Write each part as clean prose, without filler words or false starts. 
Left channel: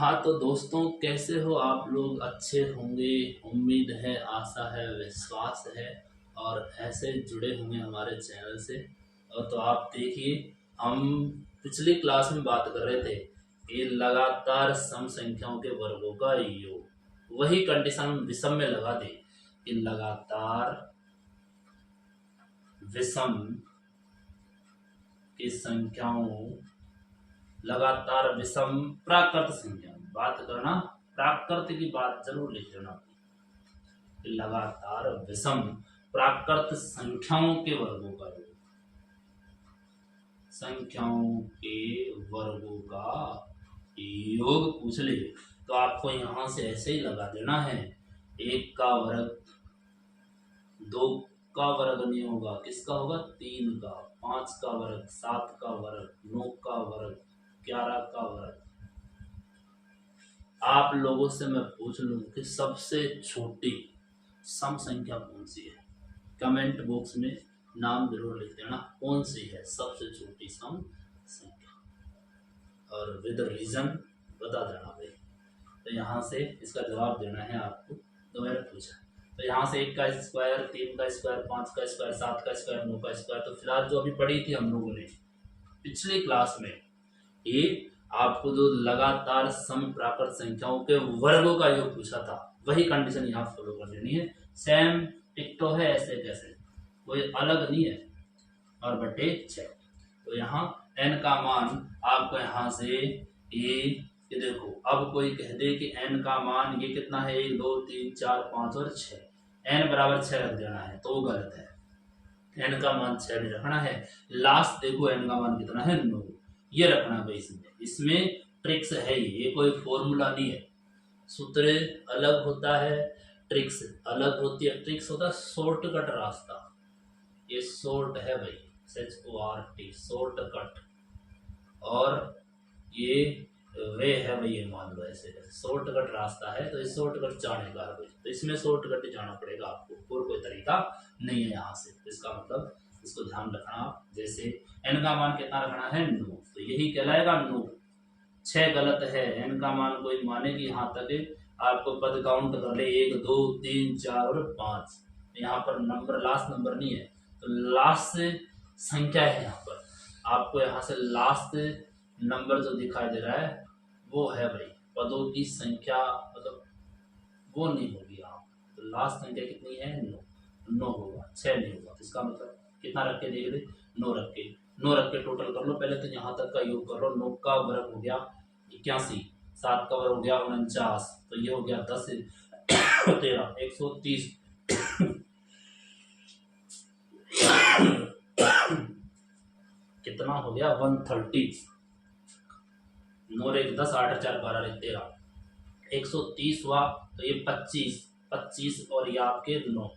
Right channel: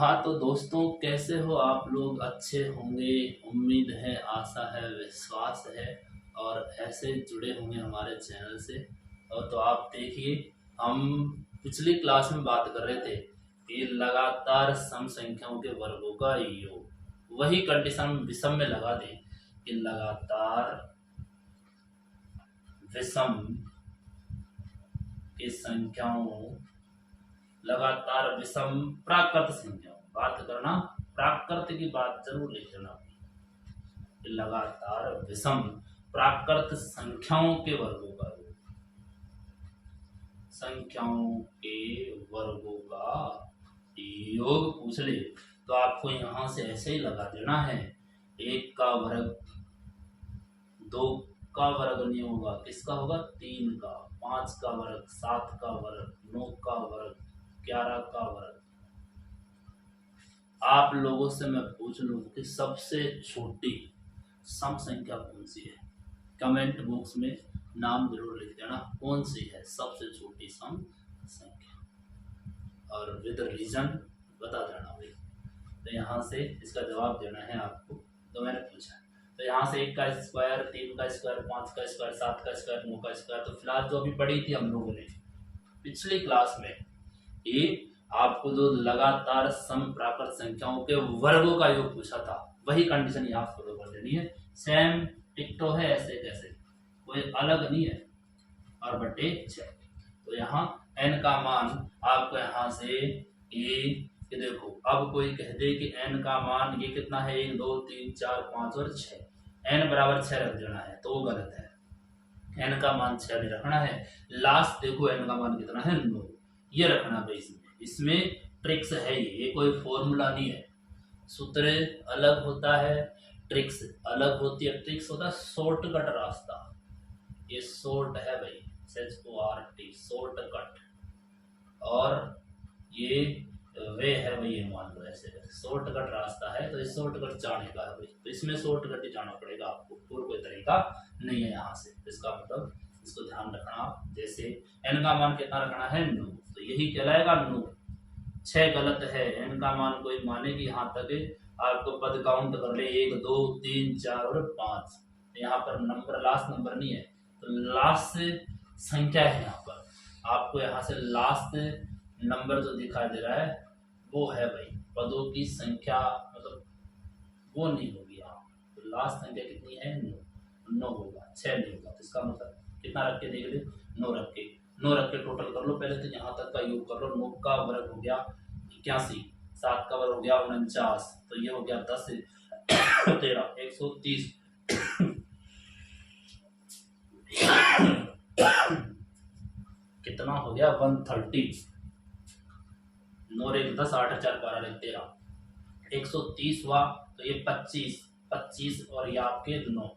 हाँ तो दोस्तों, कैसे हो आप लोग? अच्छे होंगे, उम्मीद है, आशा है, विश्वास है। और ऐसे जुड़े होंगे हमारे चैनल से। और तो आप देखिए, हम पिछली क्लास में बात कर रहे थे कि लगातार सम संख्याओं के वर्गों का योग। वही कंडीशन विषम में लगा दे कि लगातार विषम की संख्याओं, लगातार विषम प्राकृत संख्याओं बात करना, प्राकृत की बात जरूर लिख लेना। लगातार विषम प्राकृत संख्याओं के वर्गों का योग, संख्याओं के वर्गों का योग पूछ ले तो आपको यहां से ऐसे ही लगा देना है। एक का वर्ग, दो का वर्ग नहीं होगा, किसका होगा? तीन का। पांच का वर्ग, सात का वर्ग, नौ का वर्ग, 11 का वर्ग। आप लोगों से मैं पूछ लूं कि सबसे छोटी सम संख्या कौन सी है? कमेंट बॉक्स में नाम जरूर लिख देना, कौन सी है सबसे छोटी सम संख्या, और विद रीजन बता देना भाई। तो यहाँ से इसका जवाब देना है आपको। तो मैंने पूछा, तो यहाँ से एक का स्क्वायर, तीन का स्क्वायर, पांच का स्क्वायर, सात का स्क्वायर, नौ का स्क्वायर। तो फिलहाल जो अभी पढ़ी थी हम लोगों ने पिछली क्लास में, ये आपको जो लगातार सम प्राकृत संख्याओं के वर्गों का योग पूछा था, वही कंडीशन यहाँ फॉलो कर लेनी है। सेम टिकटो है, ऐसे कैसे, कोई अलग नहीं है। और बटे 6। तो यहाँ n का मान आपको यहाँ से ये देखो, अब कोई कह दे कि n का मान ये कितना है, 1 2 3 4 5 और 6, n बराबर 6 रख देना है तो वो गलत है। n का मान 6 नहीं रखना है। लास्ट देखो n का मान कितना है, 9, ये रखना है। इसमें ट्रिक्स है, ये कोई फॉर्मूला नहीं है। सूत्र अलग होता है, ट्रिक्स अलग होती है। ट्रिक्स होता है शॉर्टकट रास्ता, ये शॉर्ट है भाई, SHORT, शॉर्टकट। और ये वे है भाई, ये मान लो ऐसे शॉर्टकट रास्ता है। तो इस शॉर्टकट जाने का है भाई, तो इसमें शॉर्टकट ही जाना पड़ेगा आपको, और कोई तरीका नहीं है यहाँ से। इसका मतलब इसको ध्यान रखना आप। जैसे n का मान कितना रखना है, 9, तो यही कहलाएगा 9। 6 गलत है, n का मान कोई माने कि यहाँ तक आपको पद काउंट कर ले, 1 2 3 4 और 5। यहाँ पर नंबर लास्ट नंबर नहीं है, तो लास्ट संख्या है यहाँ पर। आपको यहाँ से लास्ट नंबर जो दिखाई दे रहा है वो है भाई पदों की संख्या, मतलब वो नहीं होगी यहाँ। तो लास्ट संख्या कितनी है, 9। 9 होगा, 6 नहीं होगा। तो इसका मतलब कितना रख के देख ले, 9 रख के। 9 रख के टोटल कर लो पहले, तो यहाँ तक का योग कर लो। 9 का वर्ग हो गया 81, 7 का वर्ग हो गया 49, तो ये हो गया 10 13 130 कितना हो गया, 130। 9 1 10, 8 4 12 13, 130 हुआ। तो ये 25 25 और ये आपके 9,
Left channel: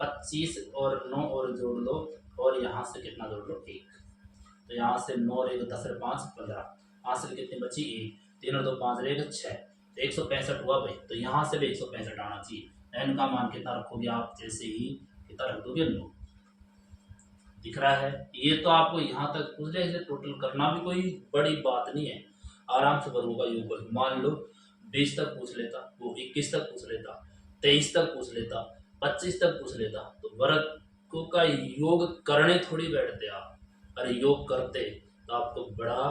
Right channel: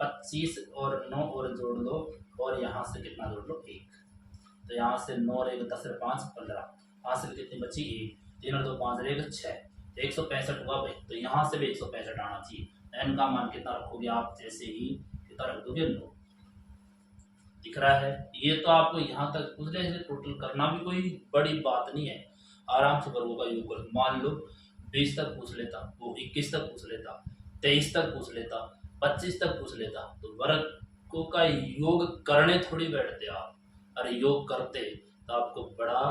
25 और 9 और जोड़ दो, और यहाँ से कितना जोड़ लो, 1। तो यहाँ से 9 और 1 10 और 5 15, हासिल कितनी बची, 1। 3 और 2 5 और 1 6, तो 165 हुआ भाई। तो यहाँ से भी 165 आना चाहिए। n का मान कितना रखोगे आप, जैसे ही कितना रख दोगे, 9। दिख रहा है? ये तो आपको यहाँ तक पूछ ले, इसे टोटल करना भी कोई बड़ी बात नहीं है। आराम से वर्गों का योग कर, मान लो 20 तक पूछ लेता, वो 21 तक पूछ लेता, 23 तक पूछ लेता, 25 तक पूछ लेता, तो वर्गों का योग करने थोड़ी बैठते आप। अरे योग करते तो आपको बड़ा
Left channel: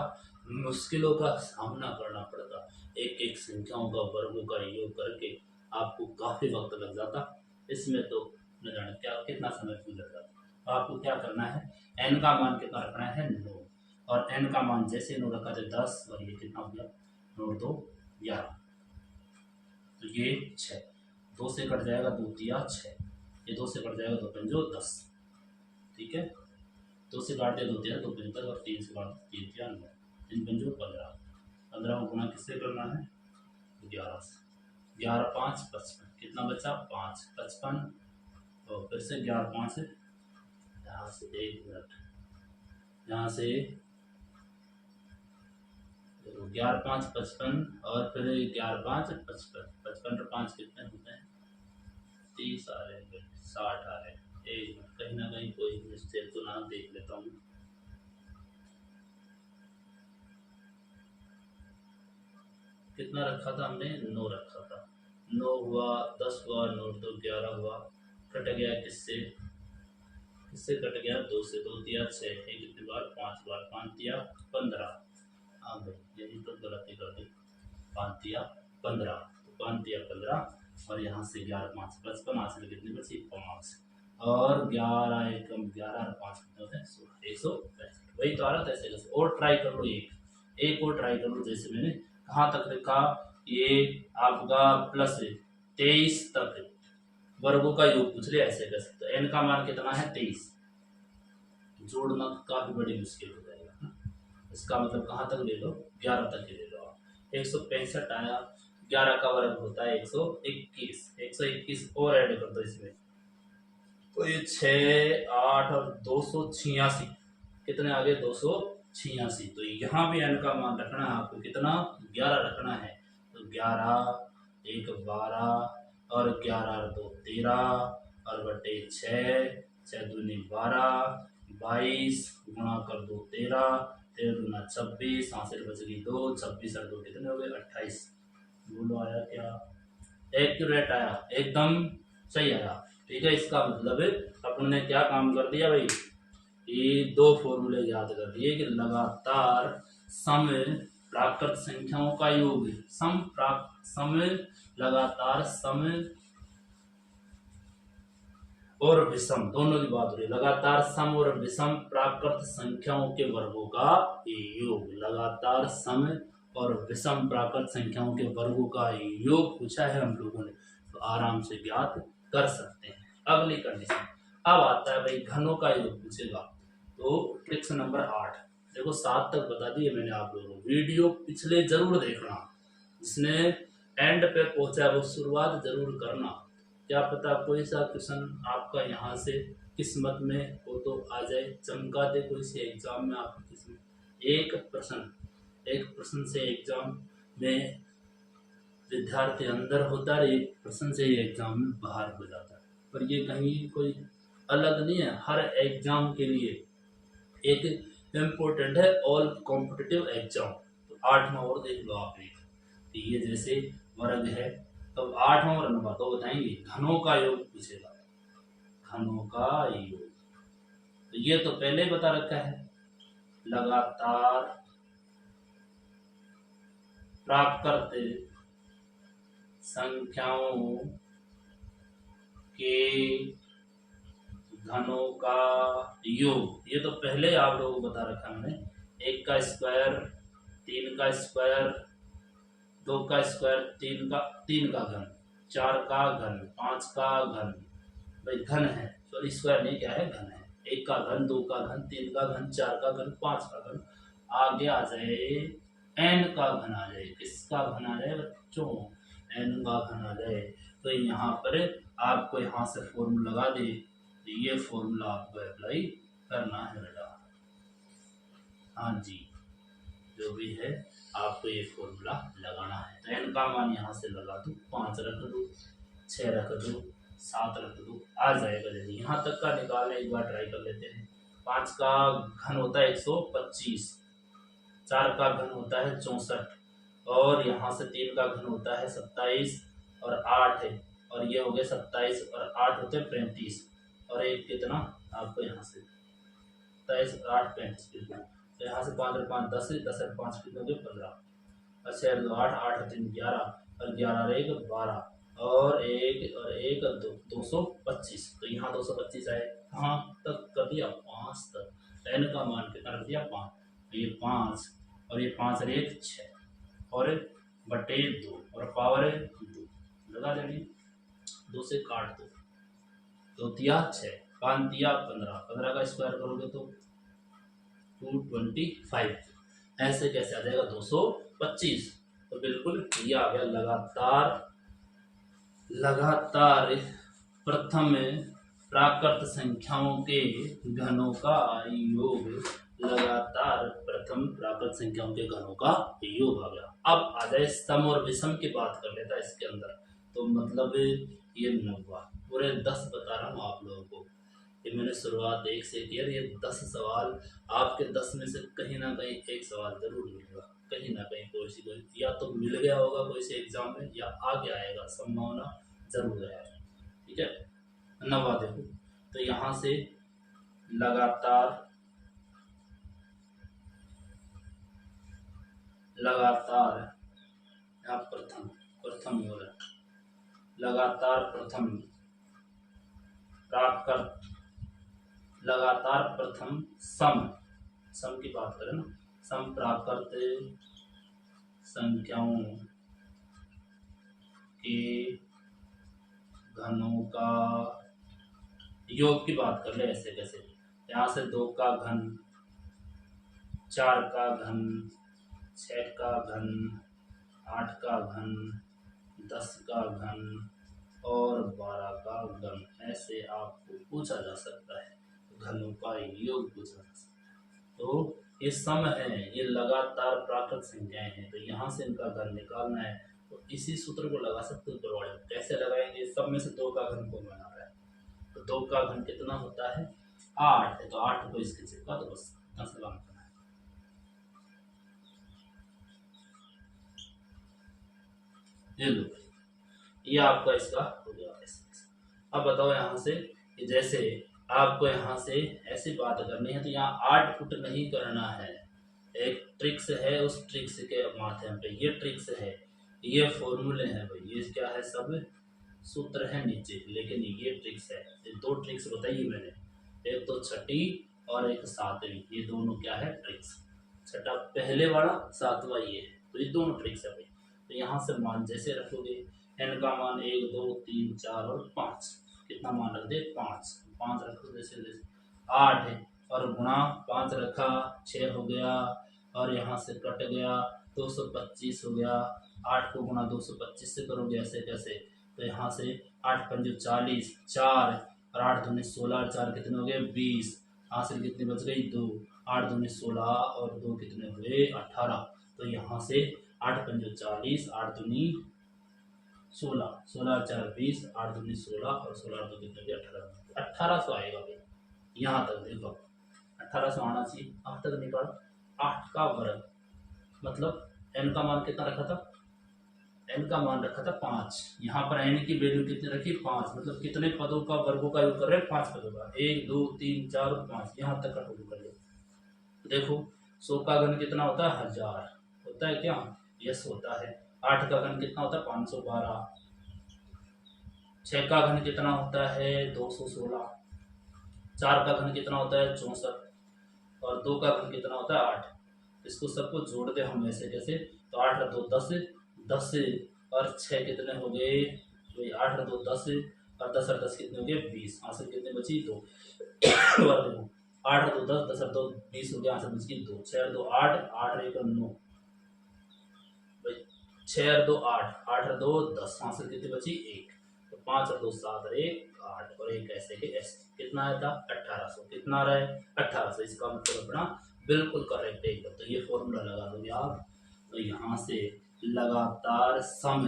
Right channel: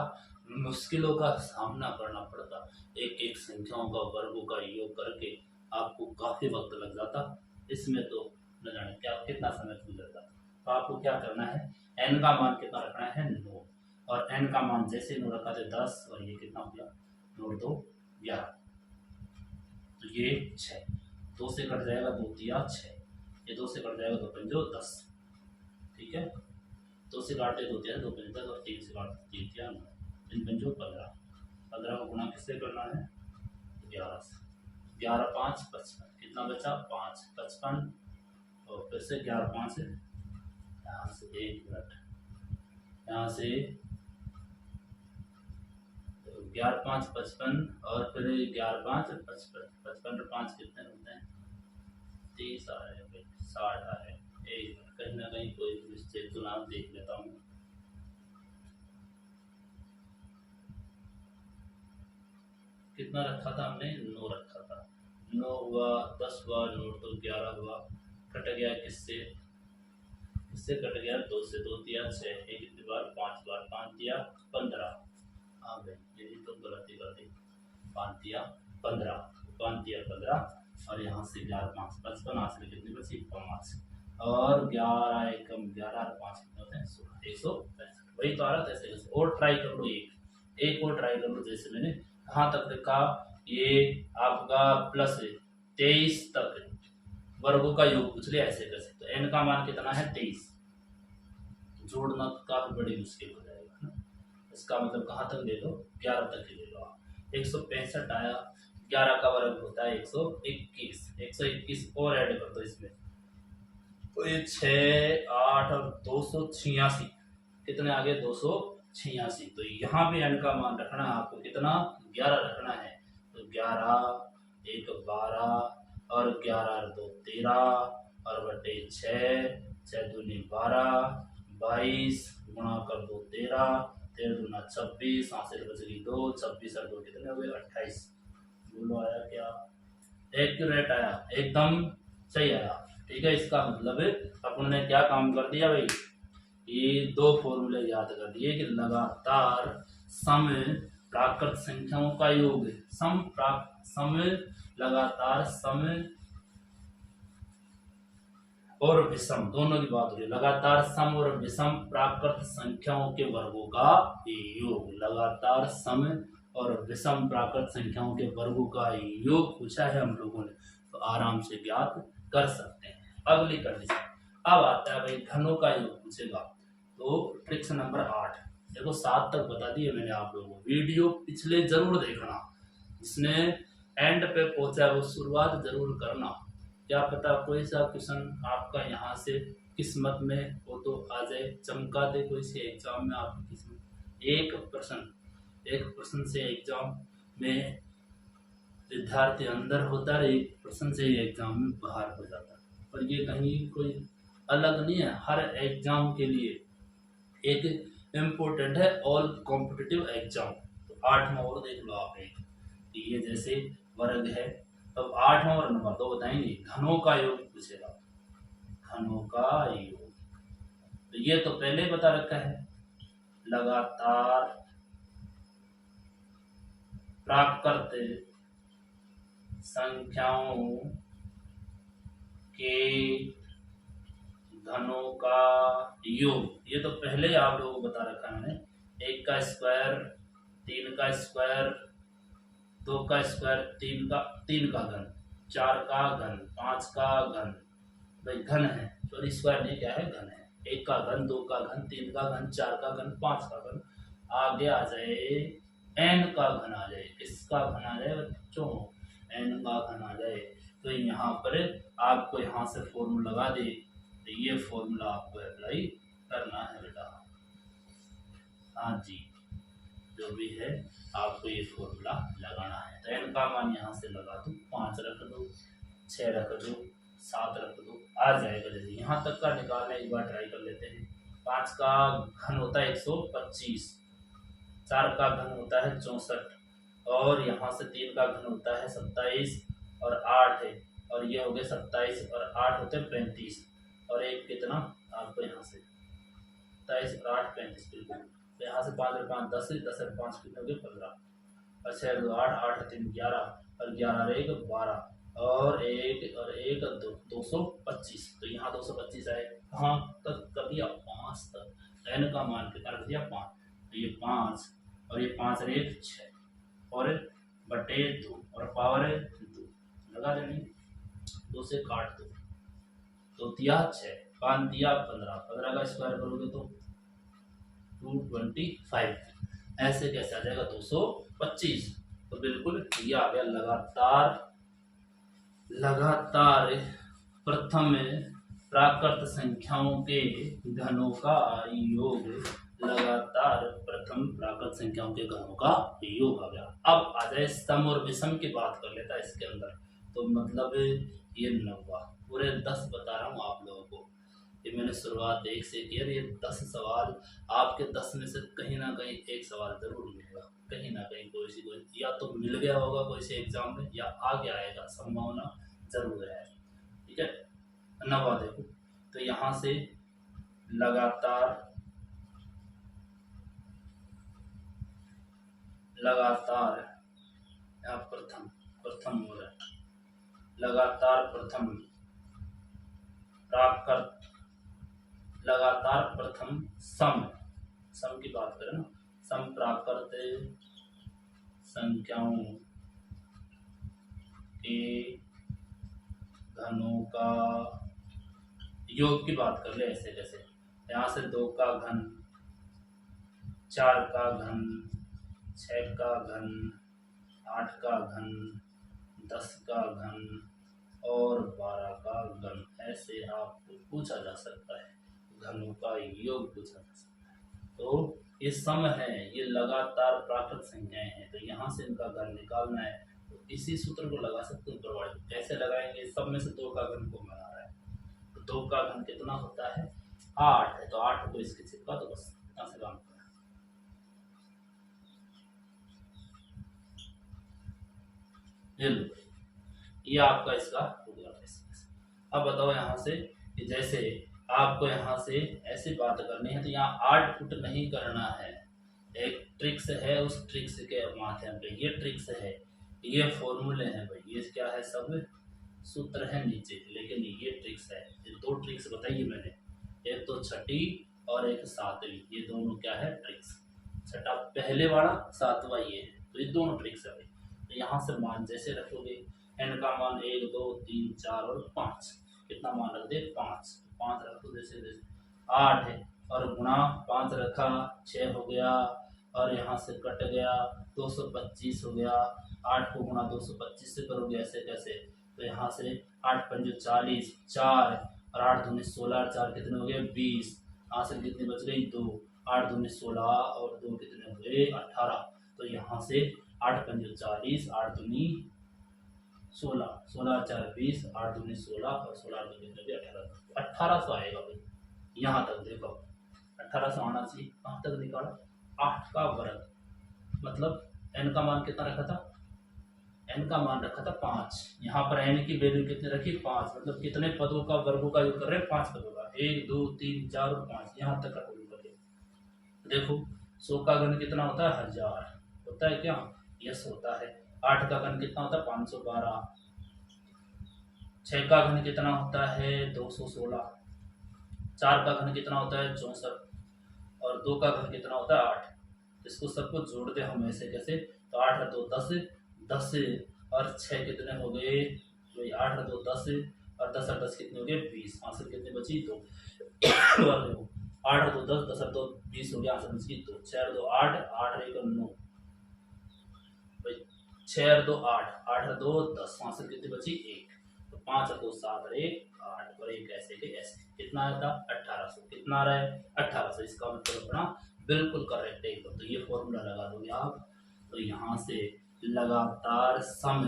मुश्किलों का सामना करना पड़ता। एक एक संख्याओं का वर्गों का योग करके आपको काफी वक्त लग जाता। इसमें तो न जाने क्या कितना समय गुजर जाता। तो आपको क्या करना है, n का मान कितना रखना है, 9। और n का मान जैसे 9 रखा तो 10, और ये कितना हो गया, 9 2 11, तो ये 6। 2 से कट जाएगा 2 3 6, ये 2 से कट जाएगा 2 5 10। ठीक है, 2 से काट दे 2 3 2 5 10, और 3 से काट 3 3 9, 3 5 15। 15 को गुना किससे करना है, 11 से। 11 5 55, कितना बचा, 5 55, और फिर से 11 5 से, यहाँ से 1 मिनट, यहाँ से 11 5 55, और फिर 11 5 55, 55 और 5 कितने होते हैं, 30 आ रहे हैं, 60 आ रहे हैं। 1 मिनट, कहीं ना कहीं कोई मिस्टेक तो ना, देख लेता हूँ। कितना रखा था हमने, 9 रखा था। 9 हुआ, 10 हुआ, 9 तो 11 हुआ, कट गया किससे, किससे कट गया, 2 से, 2 दिया 6, एक कितनी बार, 5 बार, 5 दिया 15। हाँ भाई यही तो गलती कर दी, 5 दिया 15, 5 दिया 15 और यहाँ से 11 5 55, हासिल कितनी बची, 5 और 11 एकम 11 और 5 कितने होते हैं, 16, 165। वही तो आ रहा था ऐसे कैसे। और ट्राई कर लो, एक और ट्राई कर लो। जैसे मैंने कहाँ तक लिखा, ये आपका प्लस 23 तक वर्गों का योग पूछ लिया, ऐसे कैसे। तो n का मान कितना है, 23। जोड़ना काफी बड़ी मुश्किल हो जाएगा ना। इसका मतलब कहाँ तक ले लो, 11 तक ही ले लो आप। 165 आया, 11 का वर्ग होता है 121, 121 और ऐड कर दो इसमें, तो ये 6 8 और 286, कितने आ गए, 286। तो यहाँ भी n का मान रखना है आपको, कितना, 11 रखना है। तो 11 1 12 और 11 और 2 13 और बटे 6, 6 दूनी 12, 22 गुणा कर दो 13, 13 दूना 26, हासिल बच गई 2, 26 और 2 कितने हो गए, 28। बोलो आया क्या, एक्यूरेट आया, एकदम सही आया। ठीक है, इसका मतलब अपन ने क्या काम कर दिया भाई, ये 2 फॉर्मूले याद कर दिए कि लगातार सम प्राकृत संख्याओं का योग, सम लगातार सम और विषम दोनों की बात हो रही है। लगातार सम और विषम प्राकृत संख्याओं के वर्गों का योग, लगातार सम और विषम प्राकृत संख्याओं के वर्गों का योग पूछा है हम लोगों ने, तो आराम से ज्ञात कर सकते हैं। अगली कंडीशन, अब आता है भाई घनों का योग पूछेगा। तो ट्रिक्स नंबर 8, देखो 7 तक बता दिए मैंने आप लोगों को, वीडियो पिछले जरूर देखना, जिसने एंड पे पहुंचा वो शुरुआत जरूर करना। क्या पता कोई सा क्वेश्चन आपका यहाँ से किस्मत में हो तो आ जाए, चमका दे कोई से एग्जाम में आपकी किस्मत। एक प्रश्न से एग्जाम में विद्यार्थी अंदर होता है, एक प्रश्न से ही एग्जाम में बाहर हो जाता है। और ये कहीं कोई अलग नहीं है, हर एग्जाम के लिए एक इम्पोर्टेंट है, ऑल कॉम्पिटिटिव एग्जाम। तो 8वां और देख लो आप, एक ये जैसे वर्ग है, तब 8वां और 9वां तो बताएंगे, घनों का योग पूछेगा, घनों का योग। तो ये तो पहले ही बता रखा है, लगातार प्राकृत संख्याओं के घनों का योग, ये तो पहले ही आप लोगों को बता रखा है मैंने। 1 का स्क्वायर, 3 का स्क्वायर, 2 का स्क्वायर, 3 का घन, 4 का घन, 5 का घन, भाई घन है, सॉरी स्क्वायर नहीं, क्या है, घन है। 1 का घन, 2 का घन, 3 का घन, 4 का घन, 5 का घन, आगे आ जाए n का घन आ जाए। किसका घन आ जाए बच्चों, n का घन आ जाए। तो यहाँ पर आपको यहाँ से फॉर्मूला लगा दे, तो ये फॉर्मूला आपको अप्लाई करना है बेटा। हाँ जी, जो भी है आपको ये फॉर्मूला लगाना है। तो n का मान यहाँ से लगा दो, 5 रख दो, 6 रख दो, 7 रख दो, आ जाएगा। जैसे यहाँ तक का निकालना, एक बार ट्राई कर लेते हैं। 5 का घन होता है 125, 4 का घन होता है 64, और यहाँ से 3 का घन होता है 27 और 8 है, और ये हो गए 27 और 8 होते हैं 35, और एक कितना आपको यहाँ से 27 और 8 35 बिल्कुल। तो यहाँ से 5 और 5 10, 10 और 5 कितने हो गए 15, और 6 और 2 8, 8 और 3 11, और 11 और 1 12, और 1 2 225। तो यहाँ 225 आए, कहाँ तक कर दिया, 5 तक। तो n का मान कितना रख दिया, 5। तो ये 5 और ये 5 और 1 6, और बटे 2 और पावर 2 लगा देंगे, 2 से काट दो, 2 दिया 6, 5 दिया 15, 15 का स्क्वायर करोगे तो 225, ऐसे कैसे आ जाएगा 225। तो बिल्कुल ये आ गया, लगातार प्रथम प्राकृत संख्याओं के घनों का योग, लगातार प्रथम प्राकृत संख्याओं के घनों का योग आ गया। अब आ जाए सम और विषम की बात कर लेता है इसके अंदर। तो मतलब ये 9 पूरे 10 बता रहा हूँ आप लोगों को। ये मैंने शुरुआत 1 से की है। ये 10 सवाल आपके 10 में से कहीं ना कहीं एक सवाल जरूर मिलेगा, कहीं ना कहीं कोई सी कोई या तो मिल गया होगा कोई से एग्जाम में या आगे आएगा, संभावना जरूर है। ठीक है, नवा देखो तो यहाँ से लगातार लगातार यहाँ प्रथम प्रथम हो रहा है, लगातार प्रथम प्राप्त कर, लगातार प्रथम सम सम की बात करें ना, सम प्राप्त करते संख्याओं के घनों का योग की बात कर ले। ऐसे कैसे, यहाँ से 2 का घन, 4 का घन, 6 का घन, 8 का घन, 10 का घन और 12 का घन, ऐसे आपको पूछा जा सकता है, घनों का योग पूछा जा सकता है। तो ये सम है, ये लगातार प्राकृत संख्याएं हैं, तो यहाँ से इनका घन निकालना है। तो इसी सूत्र को लगा सकते हो प्रमाण। कैसे लगाएंगे, सब में से 2 का घन को बना रहा है, तो 2 का घन कितना होता है 8 है, तो 8 को इसके चिपका, तो बस यहाँ से काम करना है। ये लो, ये आपका इसका हो गया। अब बताओ यहाँ से कि जैसे आपको यहाँ से ऐसी बात करनी है, तो यहाँ 8 फुट नहीं करना है। एक ट्रिक्स है, उस ट्रिक्स के माध्यम पे, ये ट्रिक्स है, ये फॉर्मूले हैं भाई, ये क्या है, सब सूत्र है नीचे, लेकिन ये ट्रिक्स है। ये 2 ट्रिक्स बताइए मैंने, एक तो छठी और एक सातवीं, ये दोनों क्या है ट्रिक्स। छठा पहले वाला, सातवां ये है, तो ये दोनों ट्रिक्स है भाई। तो यहाँ से मान जैसे रखोगे, n का मान 1 2 3 4 और 5, कितना मान रख दे 5, 5 रखो जैसे जैसे 8 है, और गुणा 5 रखा 6 हो गया, और यहाँ से कट गया 225 हो गया। 8 को गुणा 225 से करोगे ऐसे कैसे, तो यहाँ से 8 पंजे 40, 4 और 8 दूनी 16, 4 कितने हो गए 20, हासिल कितनी बच गई 2, 8 दूनी 16 और 2 कितने हुए 18। तो यहाँ से 8 पंजे 40, 8 दूनी 16, 16 4 20, 8 दूनी 16 और 16 2 कितने हुए 18, 1800 आएगा भाई। यहाँ तक देखो 1800 आना चाहिए। कहाँ तक निकाला, 8 का वर्ग, मतलब n का मान कितना रखा था, n का मान रखा था 5, यहाँ पर n की वैल्यू कितने रखी 5, मतलब कितने पदों का वर्गों का योग कर रहे हैं 5 पदों का, 1 2 3 4 और 5, यहाँ तक का टोटल कर ले। देखो 100 का घन कितना होता है 1000 होता है क्या, यस होता है। 8 का घन कितना होता है 512, 6 का घन कितना होता है 216, 4 का घन कितना होता है 64 और 2 का घन कितना होता है 8। इसको सबको जोड़ दे हम ऐसे कैसे, तो 8 2 10, 10 और 6 कितने हो गए, 8 2 10 और 10 और 10 कितने हो गए 20, हासिल कितने बची 2। और देखो 8 2 10, 10 और 2 20 हो गया, हासिल बच गई 2, 6 और 2 8, 8 1 9, 6 और 2 8, 8 और 2 10, हासिल कितनी बची 1, तो 5 और 2 7 और 1 8 और 1 ऐसे के ऐसे, कितना आया था 1800, कितना आ रहा है 1800, इसका मतलब अपना बिल्कुल करेक्ट है एकदम। तो ये फॉर्मूला लगा दोगे आप, तो यहाँ से लगातार सम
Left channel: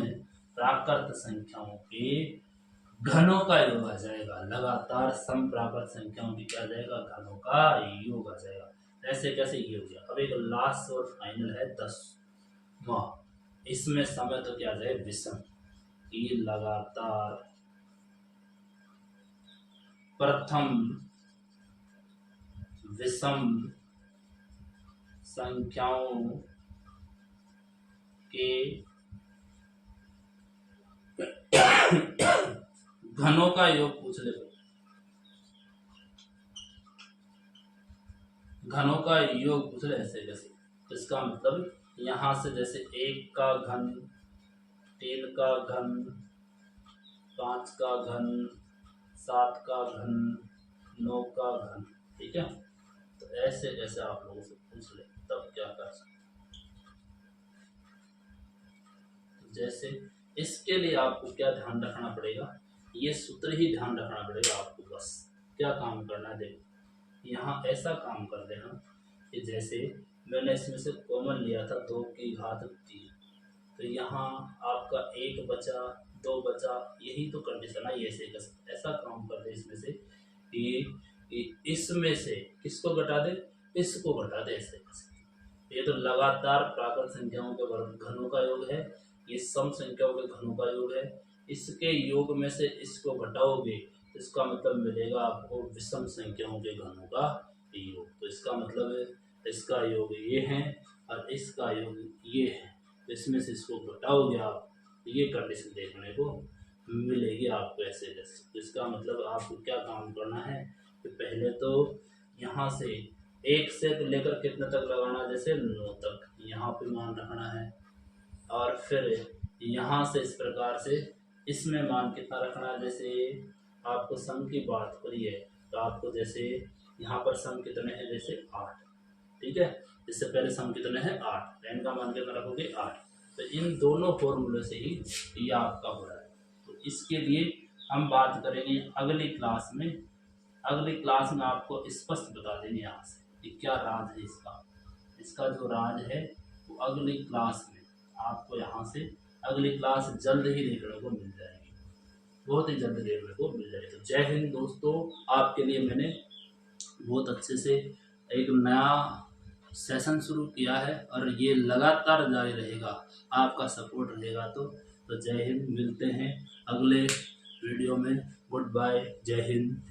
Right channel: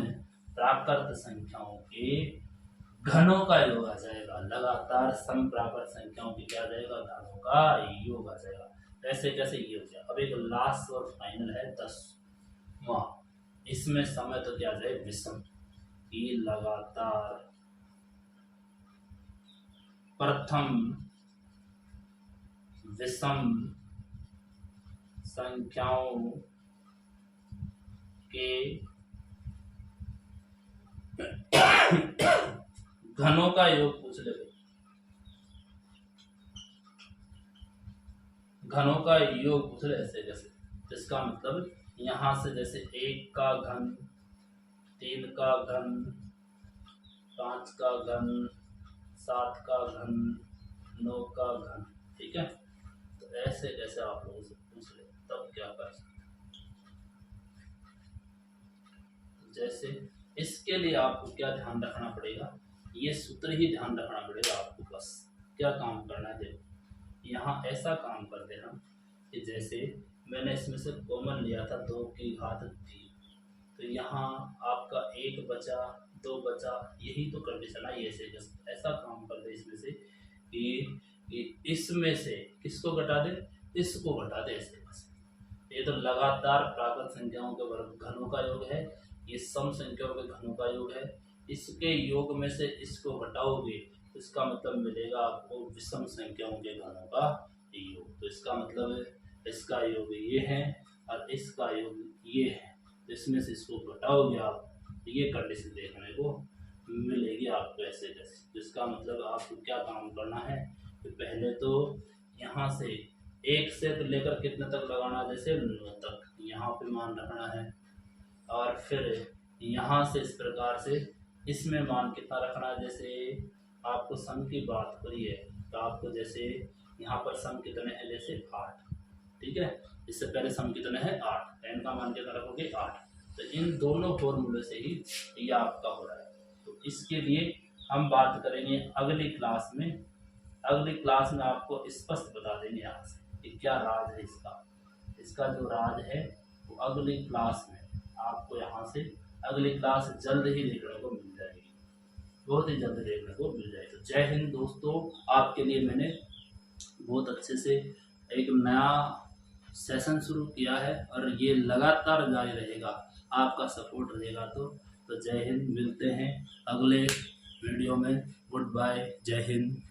प्राकृत संख्याओं के घनों का योग आ जाएगा, लगातार सम प्राकृत संख्याओं की क्या आ जाएगा, घनों का योग आ जाएगा। ऐसे कैसे ये हो गया। अब एक लास्ट और फाइनल है 10वां, इसमें समय तो क्या आ जाए विषम, की लगातार प्रथम विषम संख्याओं के घनों का योग पूछ ले, घनों का योग पूछ ले ऐसे जैसे। इसका मतलब यहाँ से जैसे 1 का घन, 3 का घन, 5 का घन, 7 का घन, 9 का घन, ठीक है। तो ऐसे कैसे आप लोगों से पूछ ले, तब क्या कर सकते। जैसे इसके लिए आपको क्या ध्यान रखना पड़ेगा, ये सूत्र ही ध्यान रखना पड़ेगा आपको। बस क्या काम करना है, देखो यहाँ ऐसा काम कर देना कि जैसे मैंने इसमें से कॉमन लिया था 2 की घात 3, तो यहाँ आपका 1 बचा 2 बचा, यही तो कंडीशन है। ऐसे ऐसा काम कर दे इसमें से कि इसमें से किसको घटा दे, इसको घटा दे ऐसे। ये तो लगातार प्राकृत संख्याओं के घनों का योग है, ये सम संख्याओं के घनों का योग है। इसके योग में से इसको घटाओगे तो इसका मतलब मिलेगा आपको विषम संख्याओं के घनों का योग। तो इसका मतलब है इसका योग ये है और इसका योग ये है, तो इसमें से इसको घटाओगे आप तो ये कंडीशन देखने को मिलेगी आपको ऐसे कैसे। तो इसका मतलब आपको क्या काम करना है कि पहले तो यहाँ से 1 से लेकर कितने तक लगाना, जैसे 9 तक यहाँ पे मान रखना है, और फिर यहाँ से इस प्रकार से इसमें मान कितना रखना है। जैसे आपको सम की बात हो रही है तो आपको जैसे यहाँ पर सम कितने हैं, जैसे 8, ठीक है। इससे पहले सम कितने हैं 8, n का मान कितना रखोगे 8। तो इन दोनों फॉर्मूले से ही ये आपका हो रहा है। तो इसके लिए हम बात करेंगे अगली क्लास में। अगली क्लास में आपको स्पष्ट बता देंगे यहाँ से कि क्या राज है इसका जो राज है वो अगली क्लास में आपको यहाँ से अगली क्लास जल्द ही देखने को मिल जाएगी, बहुत ही जल्द देखने को मिल जाएगी। तो जय हिंद दोस्तों, आपके लिए मैंने बहुत अच्छे से एक नया सेशन शुरू किया है और ये लगातार जारी रहेगा, आपका सपोर्ट रहेगा। तो जय हिंद, मिलते हैं अगले वीडियो में। गुड बाय, जय हिंद।